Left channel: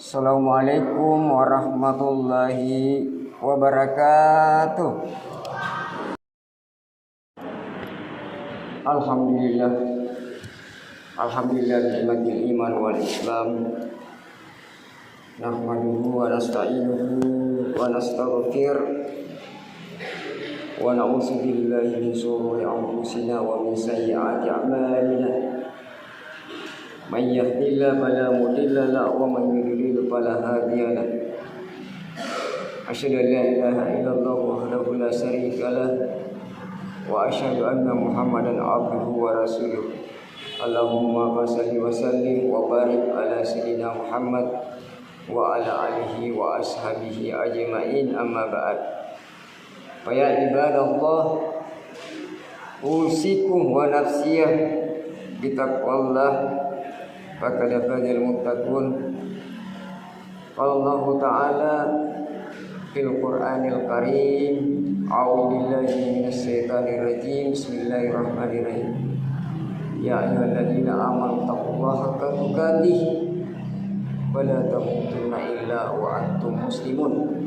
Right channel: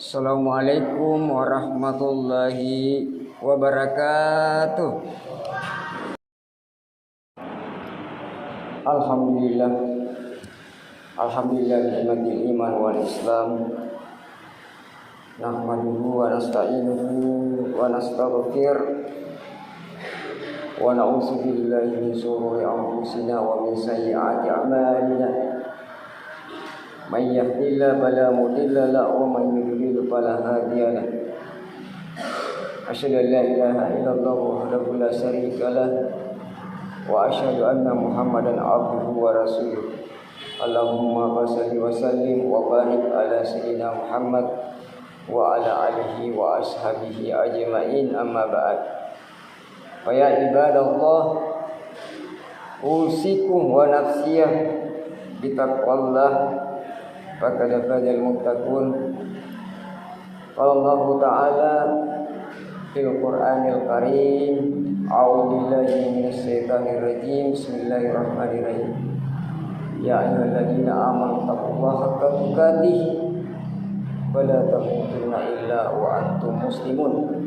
Assalamualaikum warahmatullahi wabarakatuh. Alhamdulillah. Alhamdulillah nikmatil iman wal islam. Nahmaduhu wa nasta'inuhu wa nastaghfir wa na'udzu billahi min shururi anfusina wa min sayyiati a'malina. Man yahdihillahu fala mudilla lahu wa man yudlil fala hadiya lahu. Asyhadu an la ilaha illallah wahdahu la syarika lahu wa asyhadu anna Muhammadan abduhu wa rasuluh. Allahumma shalli wa sallim wa barik ala sayyidina Muhammad wa ala alihi wa ashabihi ajma'in, amma ba'd. Fa ya ibadallah, usikum wa nafsiyah bitaqwallah faqad fazal muttaqun. Allah Ta'ala fil Qur'anil Karim, a'udzu billahi minasy syaithanir rajim. Bismillahirrahmanirrahim. Ya ayyuhalladzina amanu taqullaha haqqa tuqatih wa la tamutunna illa wa antum muslimun.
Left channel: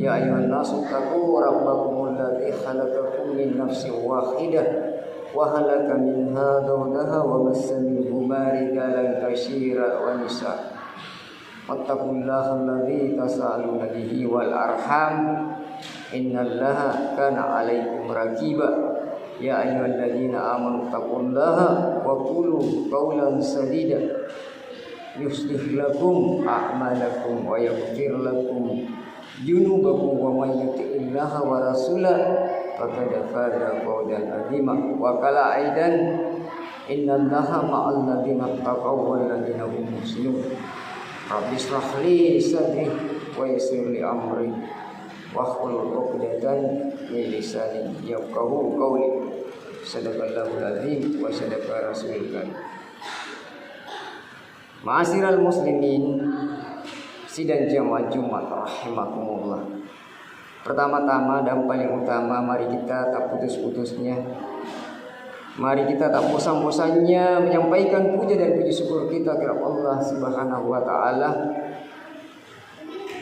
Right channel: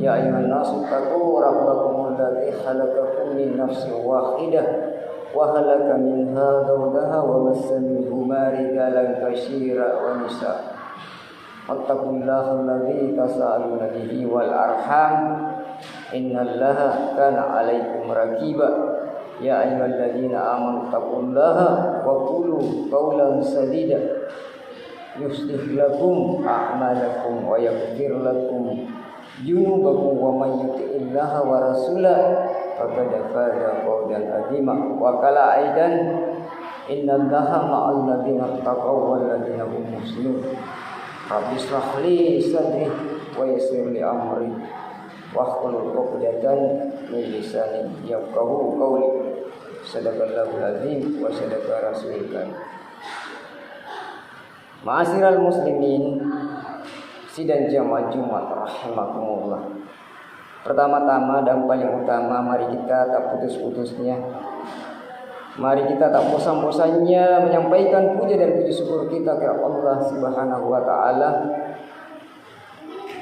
Ya ayyuhan nasu taqu rabbakumul ladzi khalaqakum min nafsin wahidah wa khalaqa minha zawjaha wa bassa minhuma rijalan katsiran wa nisaa. Wattaqullaha alladzi tasaaluna bihi wal arham innallaha kana 'alaikum raqiba. Ya ayyuhalladzina amanu taqullaha wa qulu qawlan sadida yuslih lakum a'malakum wa yaghfir lakum junubakum wa may yuti'illaha wa rasulahu faqad faza fawzan 'azima. Wa qala aidan innallaha ma'al ladzina taqaw wal ladzina hum muhsinun. Rabbi shrah li sadri wa yassir li amri wahlul 'uqdatam min lisani yafqahu qawli. Sadaqallahul azim wa sadaqa rasulul karim. Ma'asyiral muslimin, sidang jamaah Jumat rahimakumullah. Pertama-tama dan paling utama, mari kita tak putus-putusnya, mari kita tak bosan-bosannya menyampaikan puja dan puji syukur kita kepada Allah Subhanahu wa Ta'ala,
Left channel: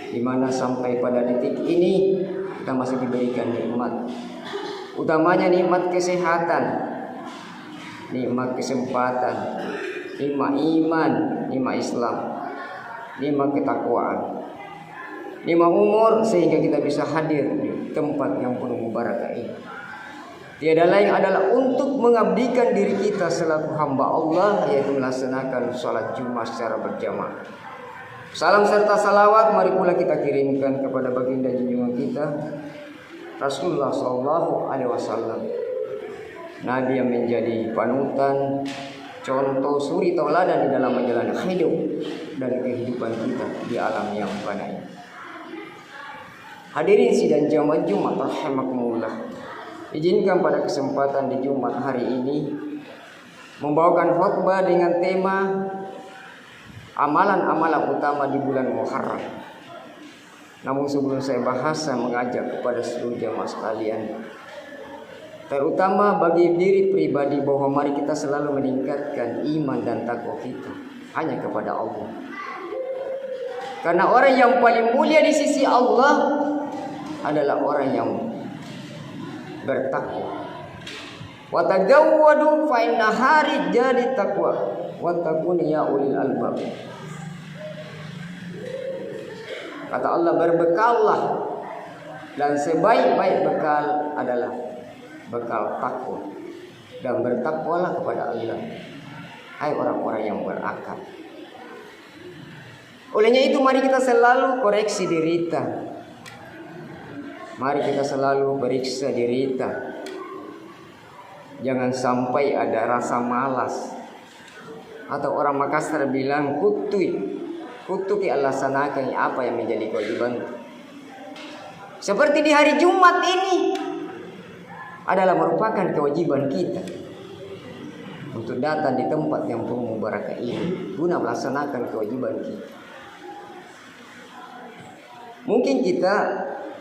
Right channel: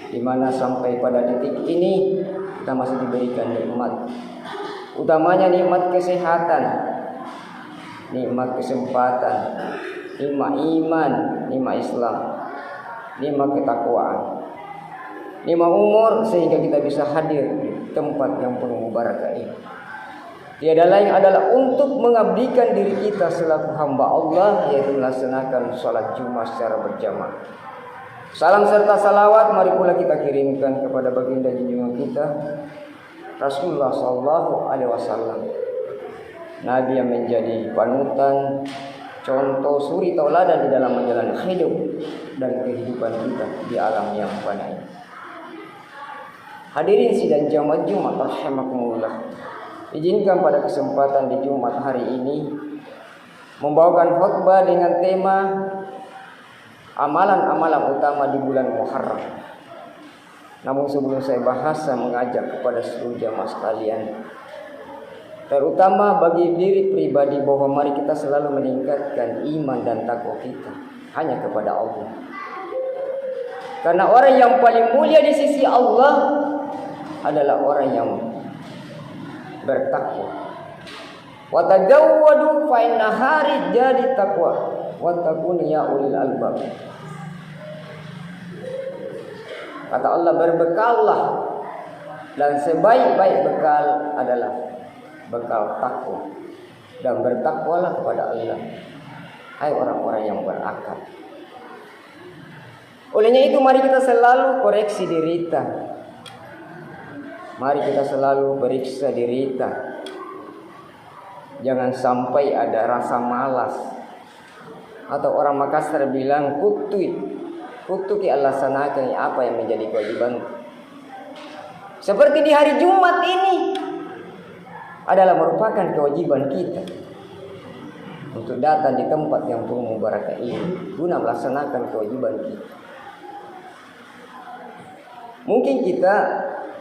di mana sampai pada detik ini kita masih diberikan nikmat, utamanya nikmat kesehatan, nikmat kesempatan, nikmat iman, nikmat Islam, nikmat ketakwaan, nikmat umur, sehingga kita bisa hadir di tempat yang penuh barakah ini. Tiada lain adalah untuk mengabdikan diri kita selaku hamba Allah, yaitu melaksanakan sholat Jumat secara berjamaah. Salam serta salawat mari pula kita kirimkan kepada baginda junjungan kita Rasulullah Sallallahu Alaihi Wasallam, Nabi yang menjadi panutan, contoh suri tauladan di dalam menjalani hidup dan kehidupan kita di alam yang fana ini. Hadirin sidang jamaah Jumat rahimakumullah, izinkan pada kesempatan di Jumat hari ini membawakan khutbah dengan tema amalan-amalan utama di bulan Muharram. Namun sebelum saya bahas, saya mengajak kepada seluruh jamaah sekalian, terutama bagi diri pribadi, bahwa mari kita selalu meningkatkan iman dan takwa kita hanya kepada Allah. Karena orang yang paling mulia di sisi Allah adalah orang yang bertakwa. Wa tazawwadu fa inna hari jadi takwa wa takun ya ulil albab. Kata Allah, berbekallah, dan sebaik-baik bekal adalah bekal takwa, dan bertakwalah kepada Allah, hai orang-orang yang berakal. Olehnya itu mari kita selalu koreksi diri kita. Mari kita selalu periksa diri kita. Jangan sampai ada rasa malas, atau orang Makassar bilang kutuki Allah sanakan apa yang menjadi kewajiban. Seperti di hari Jumat ini adalah merupakan kewajiban kita untuk datang di tempat yang penuh barakah ini guna melaksanakan kewajiban kita. Mungkin kita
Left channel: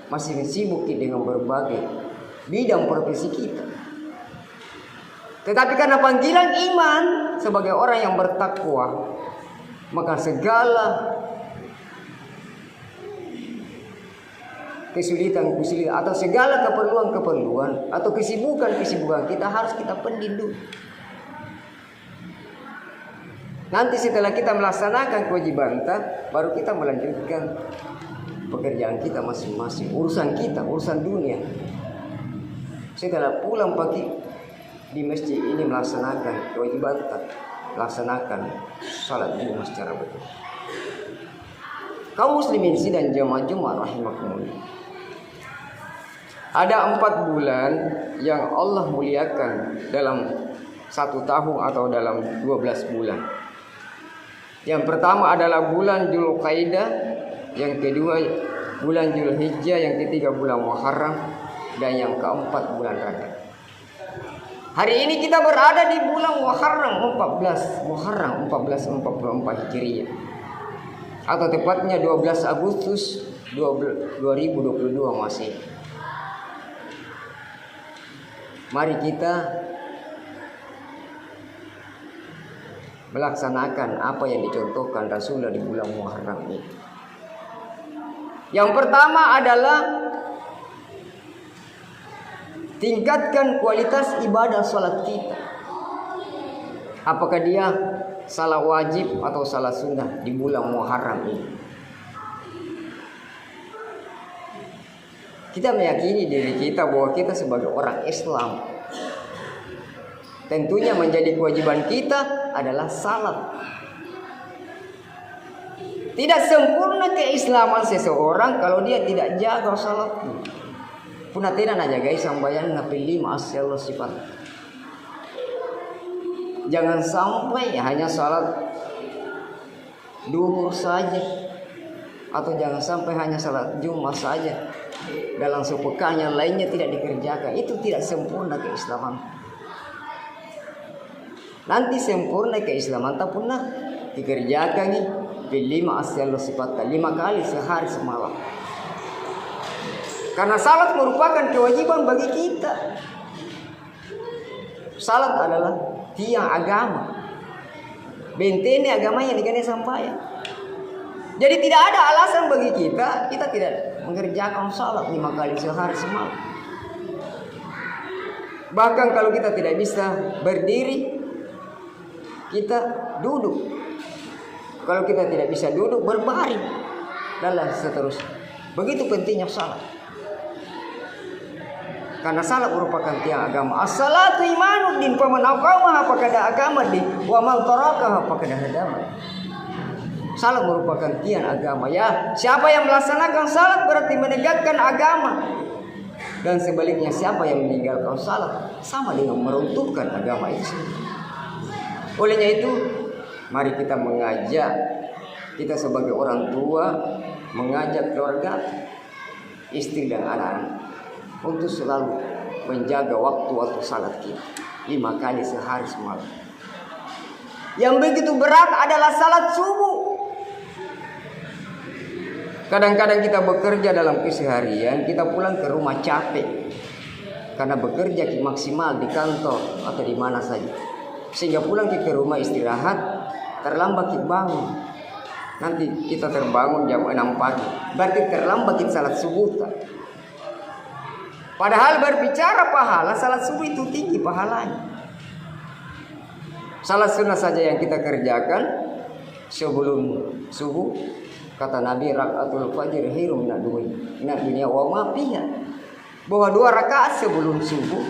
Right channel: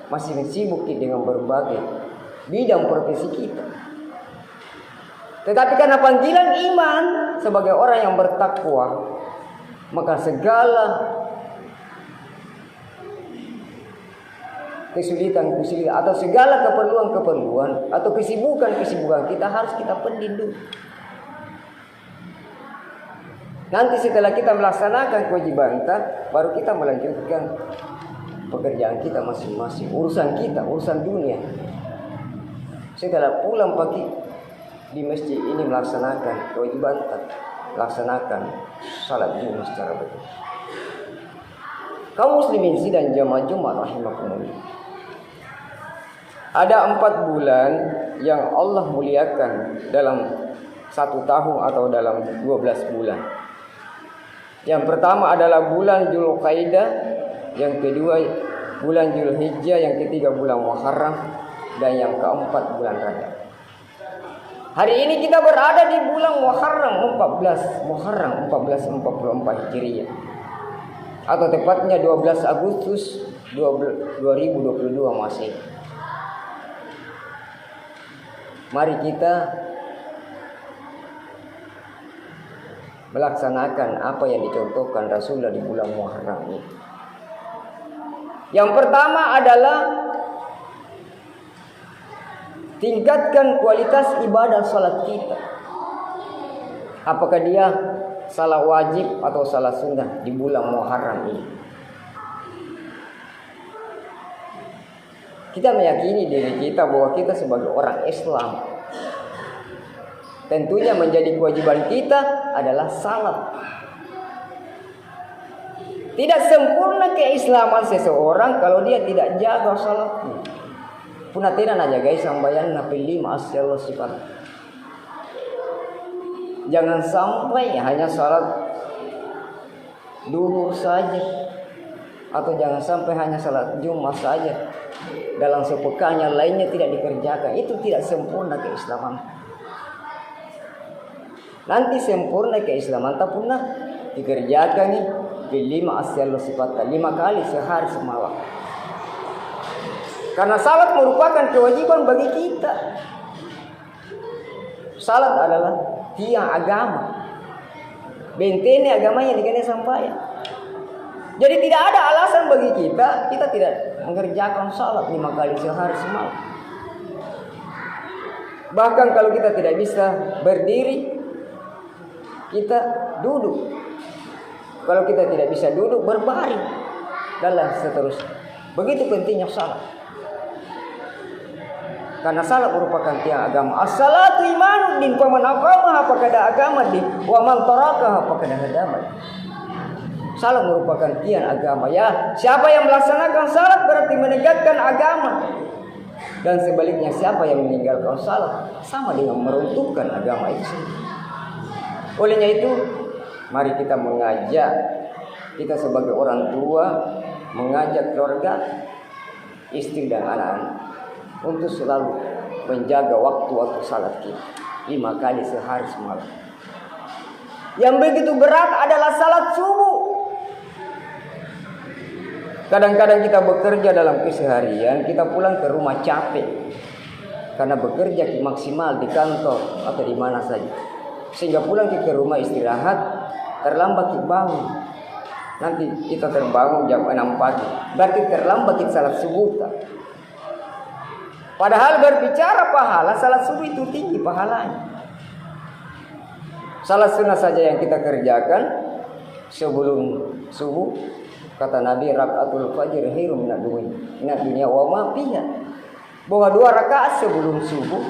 masih sibuk dengan berbagai bidang profesi kita, tetapi karena panggilan iman sebagai orang yang bertakwa, maka segala kesulitan atau segala keperluan atau kesibukan kita harus kita pending dulu. Nanti setelah kita melaksanakan kewajiban kita, baru kita melanjutkan pekerjaan kita masing-masing, urusan dunia. Setelah pulang pagi di masjid ini melaksanakan kewajiban kita, laksanakan salat Jumat secara betul. Kaum muslimin sidang jamaah Jumat rahimakumullah. Ada 4 bulan yang Allah muliakan dalam 1 tahun atau dalam 12 bulan. Yang pertama adalah bulan Dzulqa'dah, yang kedua bulan Dzulhijjah, yang ketiga bulan Muharram, dan yang keempat bulan Rajab. Hari ini kita berada di bulan Muharram 1444 Hijriah, atau tepatnya 12 Agustus 2022 Masehi. Mari kita melaksanakan apa yang dicontohkan Rasulullah di bulan Muharram ini. Yang pertama adalah tingkatkan kualitas ibadah salat kita. Apakah dia salat wajib atau salat sunnah di bulan Muharram ini? Kita meyakini diri kita bahwa kita sebagai orang Islam, tentunya menjadi kewajiban kita adalah salat. Tidak sempurna keislaman seseorang kalau dia tidak jaga salatnya. Punah tidak nak jaga sambayan napi 5 asal sifat. Jangan sampai hanya salat duhur saja, atau jangan sampai hanya salat Jumat saja. Dalam sepekan yang lainnya tidak dikerjakan. Itu tidak sempurna keislaman. Nanti sempurna keislaman tak pernah dikerjakan nih di 5 asal sifat 5 kali sehari semalam. Karena salat merupakan kewajiban bagi kita. Salat adalah tiang agama, bentene agama yang dikene sampai. Jadi tidak ada alasan bagi kita tidak mengerjakan salat 5 kali sehari semalam. Bahkan kalau kita tidak bisa berdiri, kita duduk. Kalau kita tidak bisa duduk, berbaring. Dan seterusnya. Begitu pentingnya salat. Karena salat merupakan tiang agama. As-salatu imanuddin, faman aqamaha faqad aqama din, wa man tarakaha faqad hadama. Salat merupakan tiang agama. Ya, siapa yang melaksanakan salat berarti menegakkan agama. Dan sebaliknya, siapa yang meninggalkan salat sama dengan meruntuhkan agama itu sendiri. Olehnya itu, mari kita mengajak, kita sebagai orang tua mengajak keluarga, istri dan anak-anak untuk selalu menjaga waktu-waktu salat kita 5 kali sehari semalam. Yang begitu berat adalah salat subuh. Kadang-kadang kita bekerja dalam keseharian, kita pulang ke rumah capek karena bekerja maksimal di kantor atau di mana saja. Sehingga pulang ke rumah istirahat, terlambat kita bangun. Nanti kita terbangun jam 6 pagi. Berarti terlambat kita salat subuh. Padahal berbicara pahala, salat subuh itu tinggi pahalanya. Salat sunnah saja yang kita kerjakan sebelum subuh, kata Nabi, rakaatul fajr khairum minad dunya wa ma fiha. Bahwa 2 rakaat sebelum subuh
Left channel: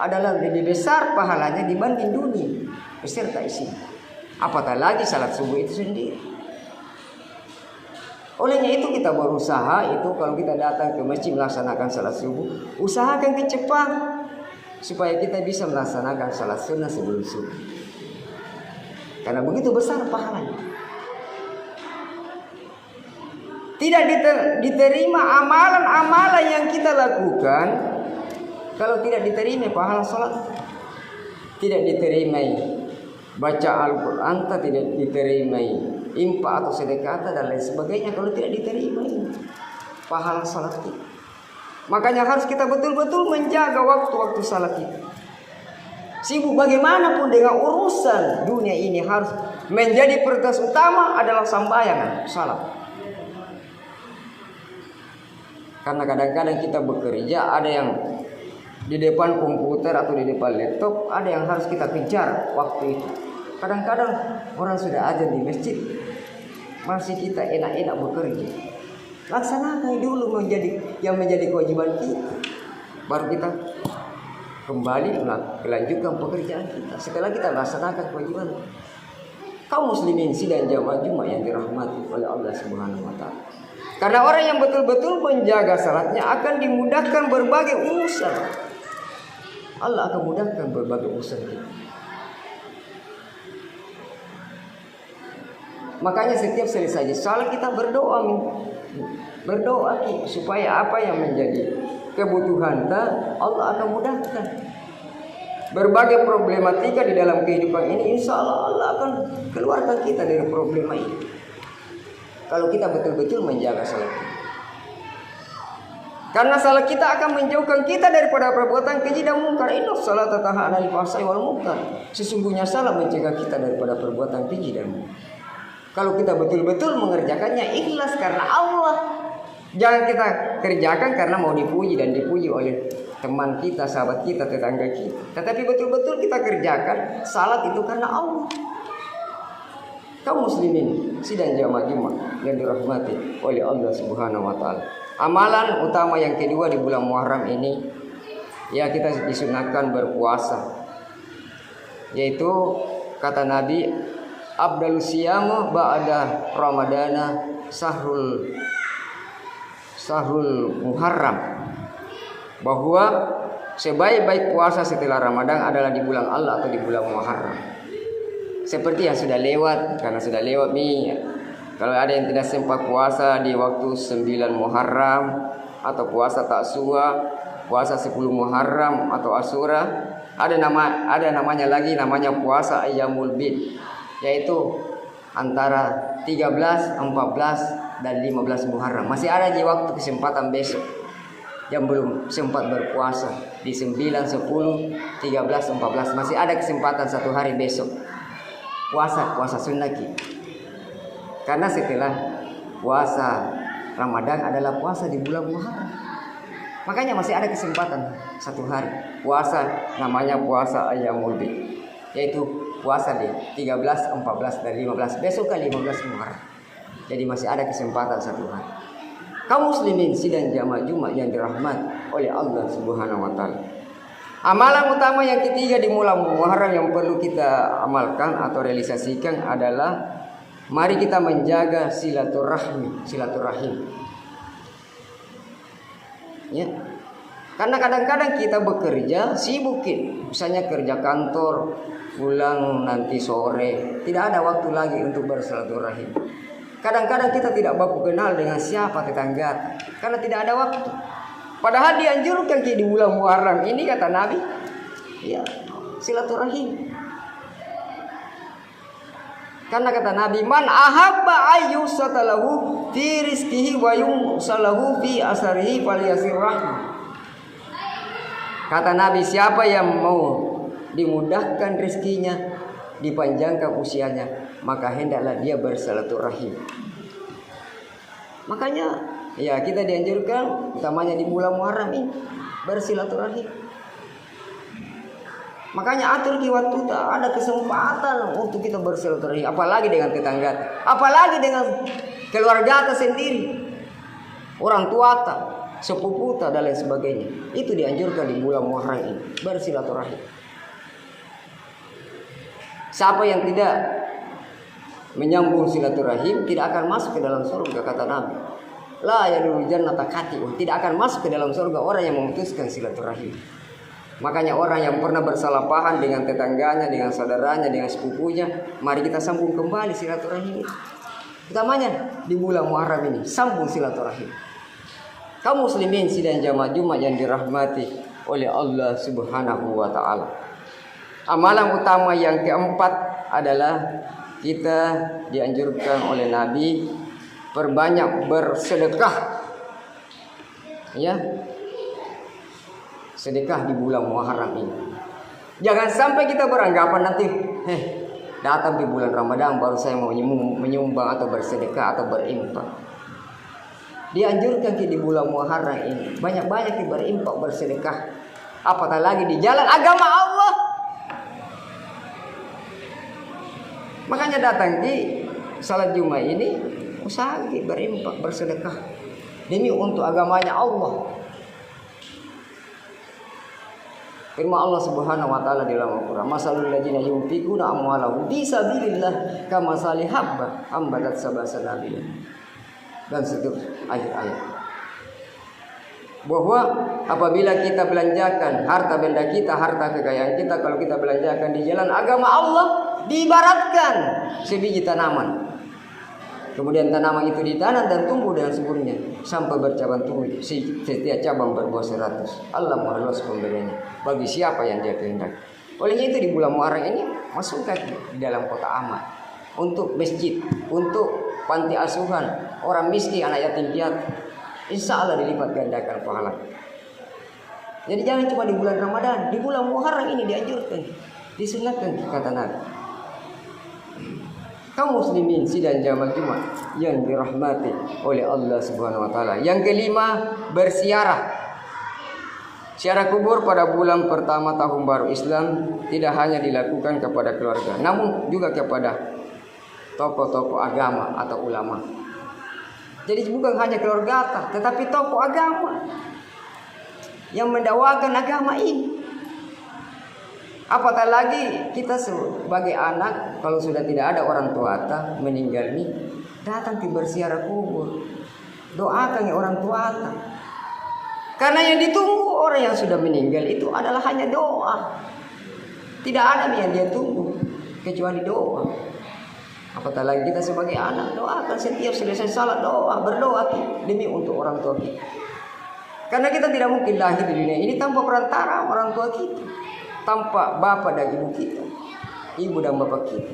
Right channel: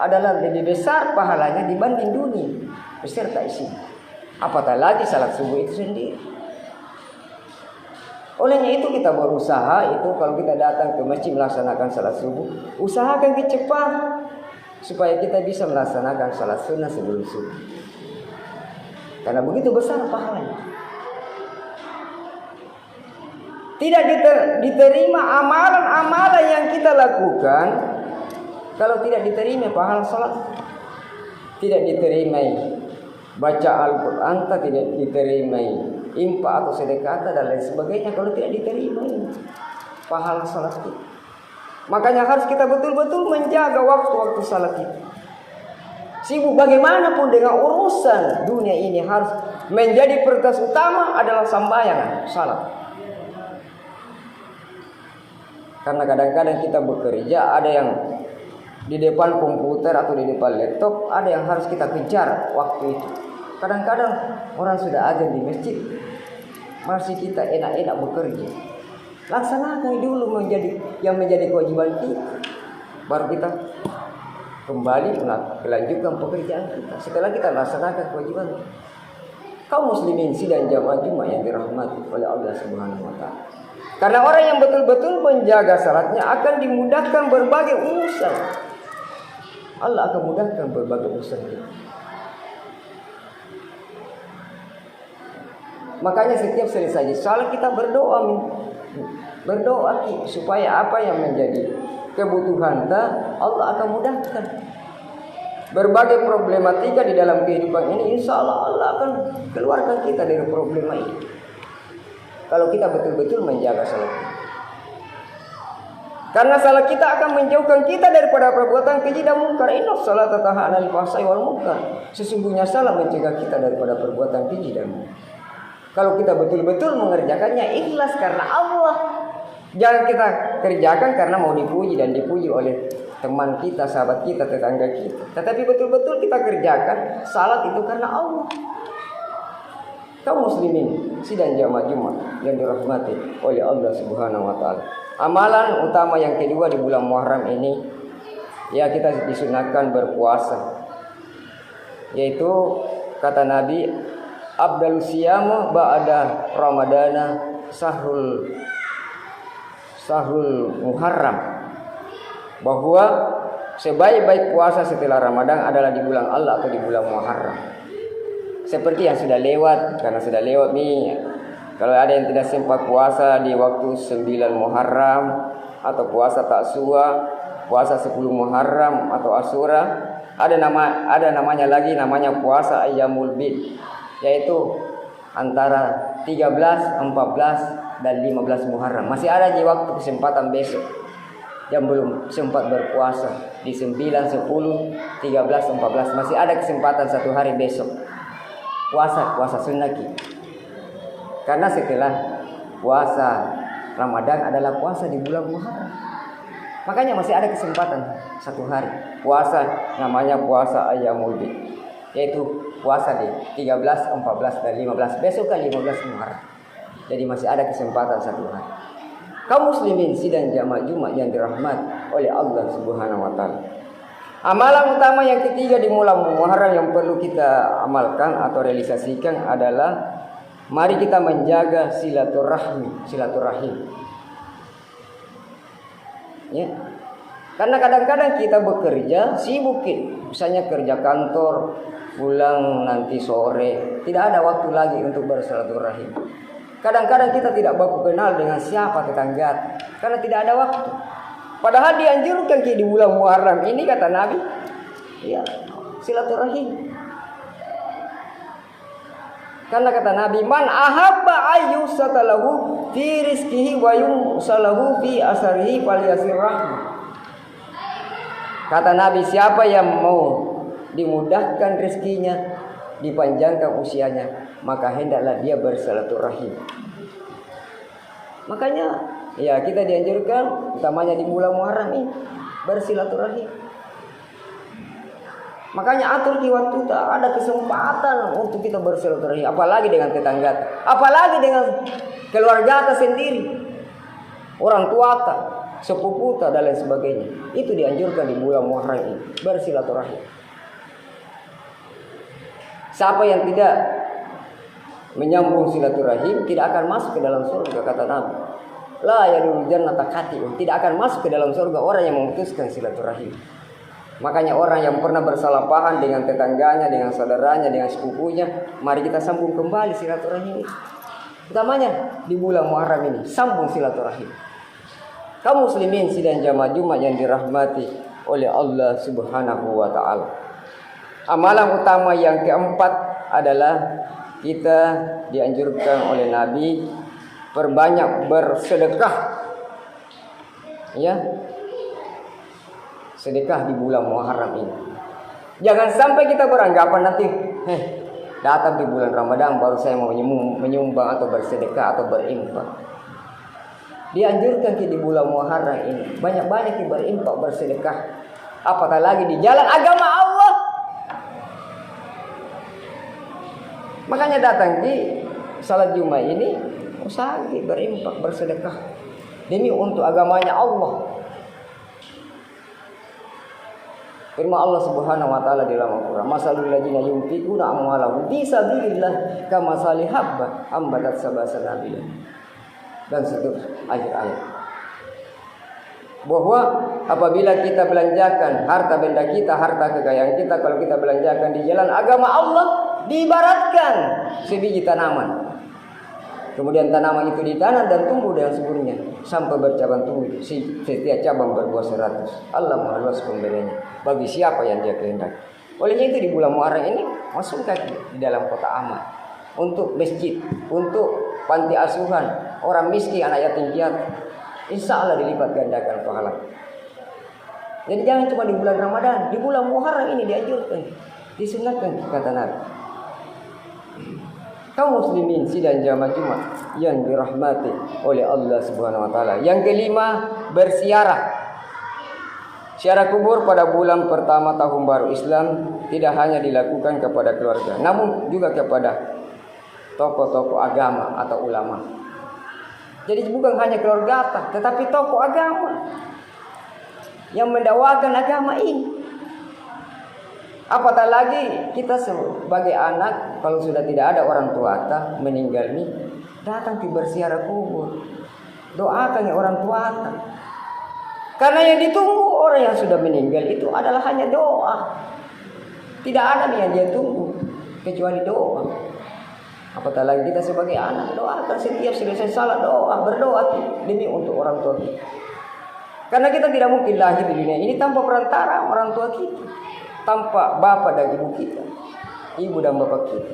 adalah lebih besar pahalanya dibanding dunia beserta isi. Apatah lagi salat subuh itu sendiri. Olehnya itu kita berusaha itu kalau kita datang ke masjid melaksanakan salat subuh, usahakan cepat supaya kita bisa melaksanakan salat sunnah sebelum subuh. Karena begitu besar pahalanya. Tidak diterima amalan-amalan yang kita lakukan kalau tidak diterima pahala salat. Tidak diterima baca Al-Quran, tidak diterima infak atau sedekah dan lain sebagainya kalau tidak diterima pahala salat kita. Makanya harus kita betul-betul menjaga waktu-waktu salat kita. Sibuk bagaimanapun dengan urusan dunia ini, harus menjadi prioritas utama adalah sembahyang salat. Karena kadang-kadang kita bekerja, ada yang di depan komputer atau di depan laptop, ada yang harus kita kejar waktu itu. Kadang-kadang orang sudah azan di masjid, masih kita enak-enak bekerja. Laksanakan dulu yang menjadi kewajiban kita, baru kita kembali melanjutkan pekerjaan kita. Setelah kita laksanakan kewajiban, kaum muslimin sidang jamaah Jumat yang dirahmati oleh Allah Subhanahu wa taala. Karena orang yang betul-betul menjaga salatnya akan dimudahkan berbagai urusan. Allah akan mudahkan berbagai urusan kita. Makanya setiap selesai salat kita berdoa supaya apa yang menjadi kebutuhan kita Allah akan mudahkan. Berbagai problematika di dalam kehidupan ini, insya Allah akan keluarkan kita dari problema ini. Kalau kita betul-betul menjaga salat. Karena salat kita akan menjauhkan kita daripada perbuatan keji dan mungkar. Inna sholata tanha 'anil fahsya'i wal munkar. Sesungguhnya salat mencegah kita daripada perbuatan keji dan mungkar. Kalau kita betul-betul mengerjakannya ikhlas karena Allah. Jangan kita kerjakan karena mau dipuji dan dipuji oleh teman kita, sahabat kita, tetangga kita. Tetapi betul-betul kita kerjakan salat itu karena Allah. Kaum muslimin sidang jamaah Jumat yang dirahmati oleh Allah Subhanahu wa taala. Amalan utama yang kedua di bulan Muharram ini, ya kita disunahkan berpuasa. Yaitu kata Nabi, afdalus siyam ba'da ramadana sahrul Muharram. Bahwa sebaik-baik puasa setelah Ramadan adalah di bulan Allah atau di bulan Muharram. Seperti yang sudah lewat, karena sudah lewat nih. Kalau ada yang tidak sempat puasa di waktu 9 Muharram atau puasa Taksua, puasa 10 Muharram atau Asyura, ada namanya lagi namanya puasa Ayyamul Bid, yaitu antara 13, 14 dan 15 Muharram. Masih ada di waktu kesempatan besok yang belum sempat berpuasa di 9, 10, 13, 14 masih ada kesempatan satu hari besok. Puasa sunnah kita. Karena setelah puasa Ramadan adalah puasa di bulan Muharram. Makanya masih ada kesempatan satu hari puasa, namanya puasa Ayyamul Bid, yaitu puasa di 13, 14 dan 15. Besok kali 15 Muharram. Jadi masih ada kesempatan satu hari. Kaum muslimin sidang jamaah Jumat yang dirahmati oleh Allah Subhanahu wa taala. Amalan utama yang ketiga di bulan Muharram yang perlu kita amalkan atau realisasikan adalah mari kita menjaga silaturahim. Ya. Karena kadang-kadang kita bekerja sibukin, misalnya kerja kantor, pulang nanti sore, tidak ada waktu lagi untuk bersilaturahim. Kadang-kadang kita tidak baku kenal dengan siapa tetangga karena tidak ada waktu. Padahal dianjurkan di bulan Muharram ini kata Nabi, ya, silaturahim. Karena kata Nabi, man ahabba ayyusatalahu fi rizqihi wa yumsalahu fi asarihi falyasir rahmah. Kata Nabi, siapa yang mau dimudahkan rezekinya, dipanjangkan usianya, maka hendaklah dia bersilaturahim. Makanya ya kita dianjurkan utamanya di bulan Muharram ini bersilaturahim. Makanya atur di waktu ada kesempatan untuk kita bersilaturahim, apalagi dengan tetangga, apalagi dengan keluarga kita sendiri, orang tua kita, sepupu kita dan lain sebagainya. Itu dianjurkan di bulan Muharram ini bersilaturahim. Siapa yang tidak menyambung silaturahim tidak akan masuk ke dalam surga kata Nabi. La yadkhulul jannata qati'un, tidak akan masuk ke dalam surga orang yang memutuskan silaturahim. Makanya orang yang pernah bersalah paham dengan tetangganya, dengan saudaranya, dengan sepupunya, mari kita sambung kembali silaturahim. Utamanya di bulan Muharram ini, sambung silaturahim. Kaum muslimin sidang jamaah Jumat yang dirahmati oleh Allah Subhanahu wa taala. Amalan utama yang keempat adalah kita dianjurkan oleh Nabi perbanyak bersedekah. Ya. Sedekah di bulan Muharram ini. Jangan sampai kita beranggapan nanti datang di bulan Ramadan baru saya mau menyumbang atau bersedekah atau berinfak. Dianjurkan di bulan Muharram ini banyak-banyak berinfak, bersedekah. Apatah lagi di jalan agama Allah. Makanya datang di salat Jumat ini usaha berinfak, bersedekah demi untuk agamanya Allah. Firman Allah Subhanahu wa taala di dalam Al-Qur'an, "Masalul ladzina yunfiquna amwalahum fi sabilillah kamathali habba ambatat sab'a sanabila." Dan seterusnya ayat-ayat. Bahwa apabila kita belanjakan harta benda kita, harta kekayaan kita, kalau kita belanjakan di jalan agama Allah, diibaratkan sebiji tanaman. Kemudian tanaman itu ditanam dan tumbuh dengan suburnya sampai bercabang tumbuh. Setiap cabang berbuah 100. Allah Maha Luas pemberiannya bagi siapa yang Dia kehendaki. Olehnya itu di bulan Muharram ini masukkan di dalam kota amal untuk masjid, untuk panti asuhan, orang miskin, anak yatim piatu. Insya Allah dilipat gandakan pahala. Jadi jangan cuma di bulan Ramadan, di bulan Muharram ini dianjurkan, disunatkan kata Nabi. Kaum muslimin sidang jamaah Jumat yang dirahmati oleh Allah Subhanahu wa taala. Yang kelima, berziarah. Ziarah kubur pada bulan pertama tahun baru Islam tidak hanya dilakukan kepada keluarga, namun juga kepada tokoh-tokoh agama atau ulama. Jadi bukan hanya keluarga, tetapi tokoh agama yang mendakwakan agama ini. Apatah lagi kita sebagai anak, kalau sudah tidak ada orang tua meninggal nih, datang di berziarah kubur, doakan ya orang tua. Karena yang ditunggu orang yang sudah meninggal itu adalah hanya doa. Tidak ada yang dia tunggu kecuali doa. Apatah lagi kita sebagai anak, doakan setiap selesai salat doa, berdoa demi untuk orang tua kita. Karena kita tidak mungkin lahir di dunia ini tanpa perantara orang tua kita, tanpa bapak dan ibu kita, ibu dan bapak kita.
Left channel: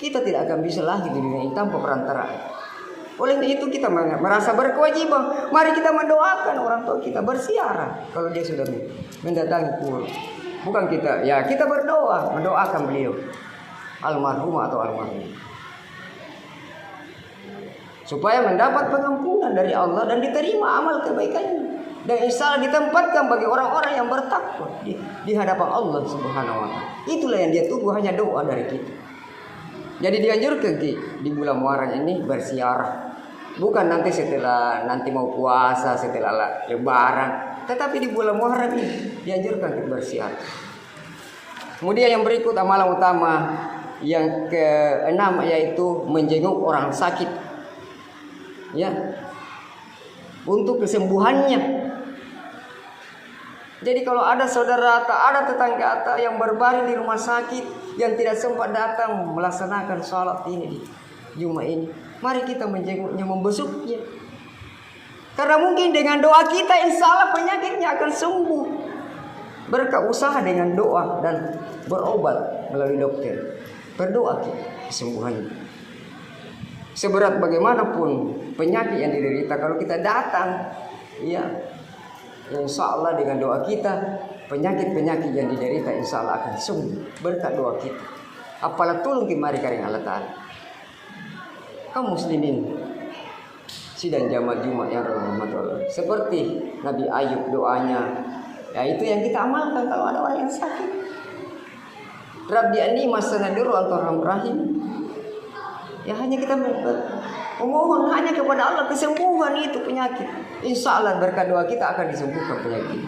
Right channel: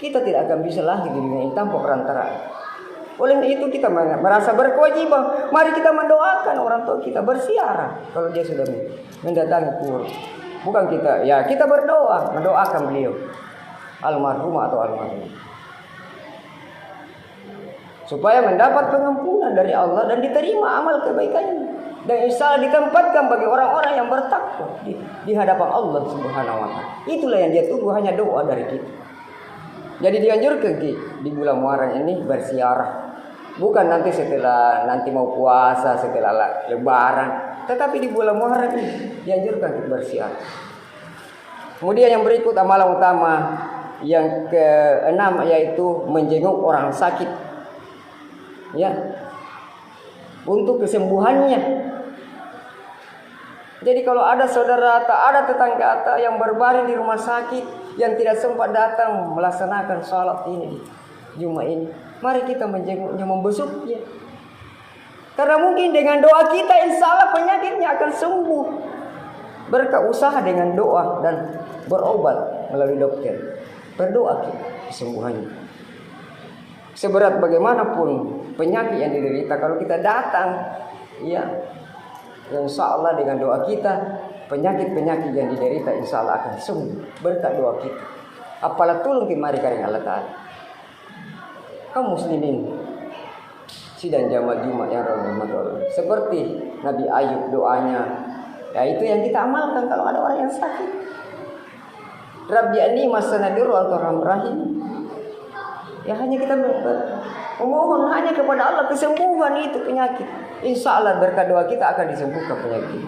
Kita tidak akan bisa lahir di dunia ini tanpa perantara. Oleh itu kita merasa berkewajiban. Mari kita mendoakan orang tua kita, berziarah kalau dia sudah mendatangi kubur. Bukan kita, ya kita berdoa, mendoakan beliau, almarhum atau almarhum, supaya mendapat pengampunan dari Allah dan diterima amal kebaikannya. Dan insya Allah ditempatkan bagi orang-orang yang bertakwa di hadapan Allah Subhanahu wa taala. Itulah yang dia tunggu, hanya doa dari kita. Jadi dianjurkan di bulan Muharram ini berziarah. Bukan nanti setelah nanti mau puasa, setelah lebaran, tetapi di bulan Muharram ini dianjurkan kita berziarah. Kemudian yang berikut amalan utama yang keenam yaitu menjenguk orang sakit. Ya. Untuk kesembuhannya. Jadi kalau ada saudara atau ada tetangga atau yang berbaring di rumah sakit yang tidak sempat datang melaksanakan sholat ini di Jumat ini, mari kita menjenguknya, membesuknya. Karena mungkin dengan doa kita insya Allah penyakitnya akan sembuh. Berkat usaha dengan doa dan berobat melalui dokter, berdoa kesembuhannya. Seberat bagaimanapun penyakit yang diderita, kalau kita datang, ya insya Allah dengan doa kita penyakit-penyakit yang diderita insya Allah akan sembuh berkat doa kita. Apalah tolong mari karing Allah Ta'ala. Kaum muslimin sidang jamaah Jumat yang rahmat Allah, seperti Nabi Ayub doanya, ya itu yang kita amalkan kalau ada orang yang sakit. Rabbi anni masanadur al-rahim. Ya hanya kita memohon hanya kepada Allah kesembuhan itu penyakit. Insya Allah berkat doa kita akan disembuhkan penyakit.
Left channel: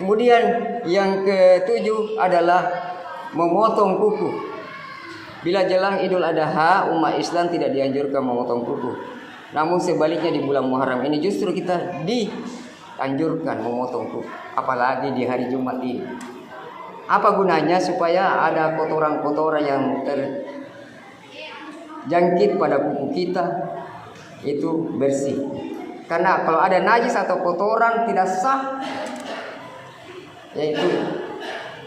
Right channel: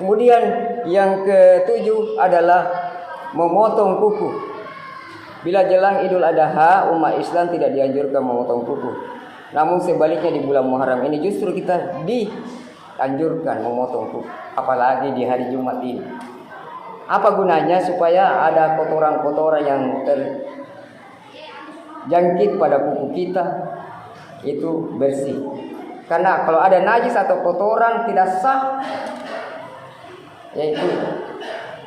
Kemudian yang ketujuh adalah memotong kuku. Bila jelang Idul Adha, umat Islam tidak dianjurkan memotong kuku. Namun sebaliknya di bulan Muharram ini justru kita dianjurkan memotong kuku. Apalagi di hari Jumat ini. Apa gunanya? Supaya ada kotoran-kotoran yang terjangkit pada kuku kita itu bersih. Karena kalau ada najis atau kotoran tidak sah, yaitu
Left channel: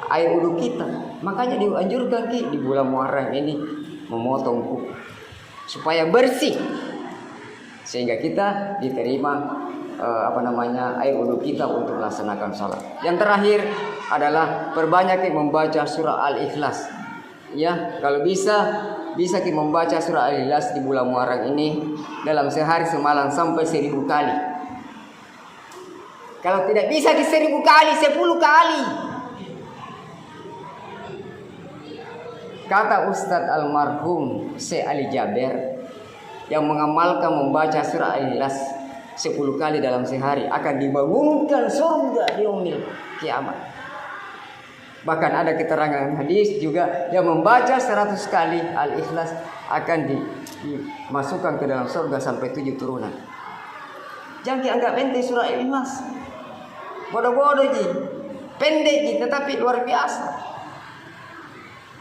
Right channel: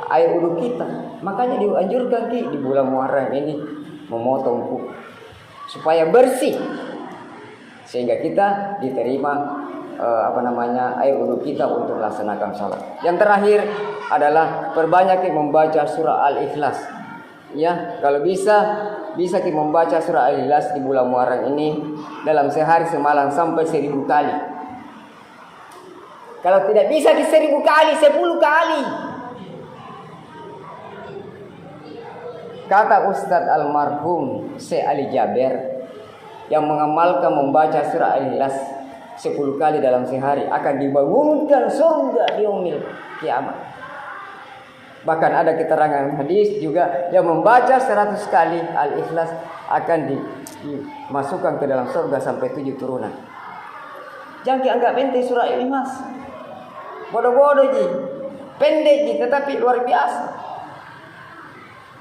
air wudhu kita, makanya dianjurkan di bulan Muharram ini memotong kuku supaya bersih, sehingga kita diterima air wudhu kita untuk melaksanakan salat. Yang terakhir adalah perbanyak membaca surah Al-Ikhlas. Ya, kalau bisa kita membaca surah Al-Ikhlas di bulan Muharram ini dalam sehari semalam sampai 1000 kali. Kalau tidak bisa di 1000 kali, 10 kali. Kata Ustadz almarhum Syekh Ali Jaber, yang mengamalkan membaca surah Al-Ikhlas 10 kali dalam sehari akan dibangunkan surga di yaumil kiamat. Bahkan ada keterangan hadis juga yang membaca 100 kali Al-Ikhlas akan dimasukkan ke dalam surga sampai 7 turunan. Jangan dianggap enteng surah Al-Ikhlas. Bodoh-bodoh ji, pendek ji, tetapi luar biasa.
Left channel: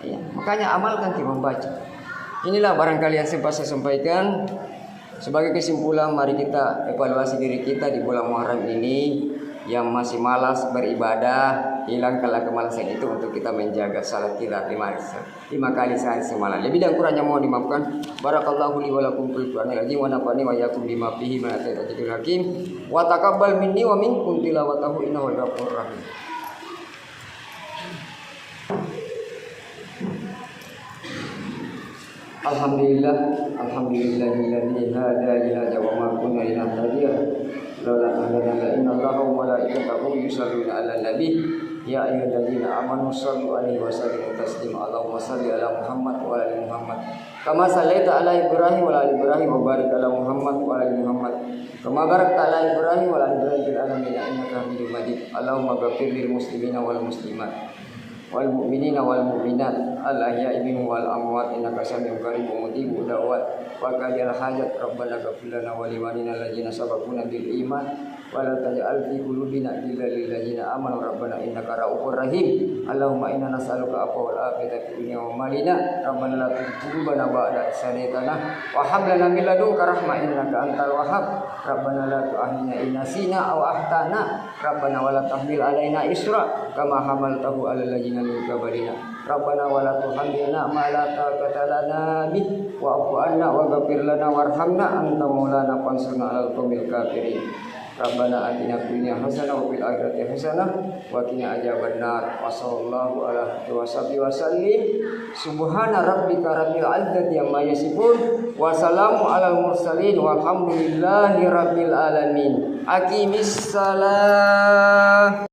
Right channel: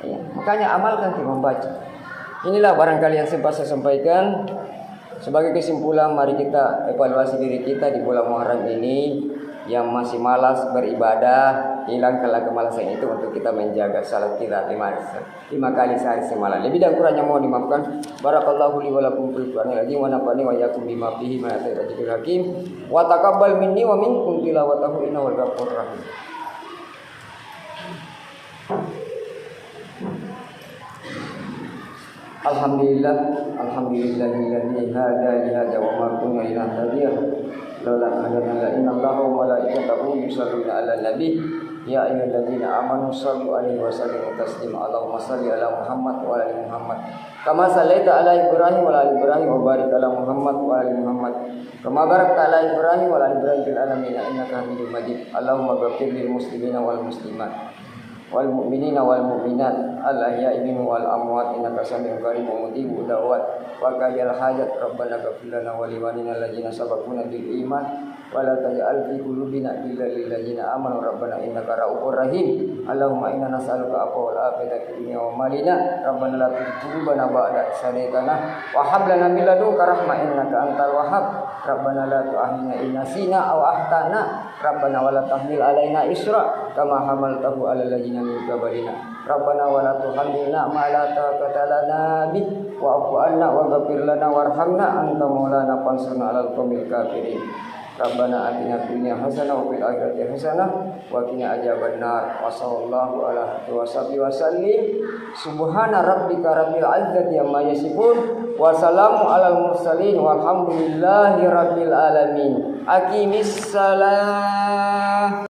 Ya, makanya amalkan kita membaca. Inilah barangkali yang sempat saya sampaikan. Sebagai kesimpulan, mari kita evaluasi diri kita di bulan Muharram ini. Yang masih malas beribadah, hilangkanlah kemalasan itu untuk kita menjaga salat kita 5 kali sehari semalam. Lebih dan kurangnya mohon dimaafkan. Barakallahu li wa lakum fil Qur'anil azim wa nafa'ani wa iyyakum bima fihi min ayatil hakim wa taqabbal minni wa minkum tilawatahu innahu ghafurur rahim. Alhamdulillahilladzi hada wa ma kunna linahtadiya laula an hadana innallaha wa malaikatahu yusholluna 'alan nabi ya ayyuhalladzina amanu shallu 'alaihi wa sallimu taslima. Allahumma shalli 'ala Muhammad wa 'ala ali Muhammad kama shallaita 'ala Ibrahim wa 'ala ali Ibrahim wa barik 'ala Muhammad wa 'ala ali Muhammad kama barakta 'ala Ibrahim wa 'ala ali Ibrahim fil alamin innaka Hamidum Majid. Allahumma ighfir lil muslimina wal muslimat wal mu'minina wal mu'minat al ahya'i minhum wal amwat innaka sami'un qaribun mujibud da'wat wa qadil hajat. Rabbana ighfir lana wa li walidina allazina sabaquna bil iman wa la taj'al fi qulubina ghillan lil ladzina amanu rabbana innaka ra'ufur rahim. Allahumma inna nas'aluka afwa wal afiyata fid dunya wa malina. Rabbana la tuzigh qulubana ba'da idh hadaytana wa hab lana min ladunka rahmah innaka antal wahhab. Rabbana la tu'akhidhna in nasina aw akhtana. Rabbana wa la tahmil 'alaina isra kama hamaltahu 'alal ladzina min qablina. Rabbana wa la tuhammilna ma la taqata lana bih wa'fu 'anna waghfir lana warhamna anta maulana fansurna 'alal qaumil kafirin. Rabbana atina fid dunya hasanah wa fil akhirati hasanah wa qina adzabannar. Wa sallallahu ala alihi wa sallim. Subhana rabbika rabbil izzati amma yasifun wa salamun alal mursalin walhamdulillahi rabbil alamin. Aqimis salah.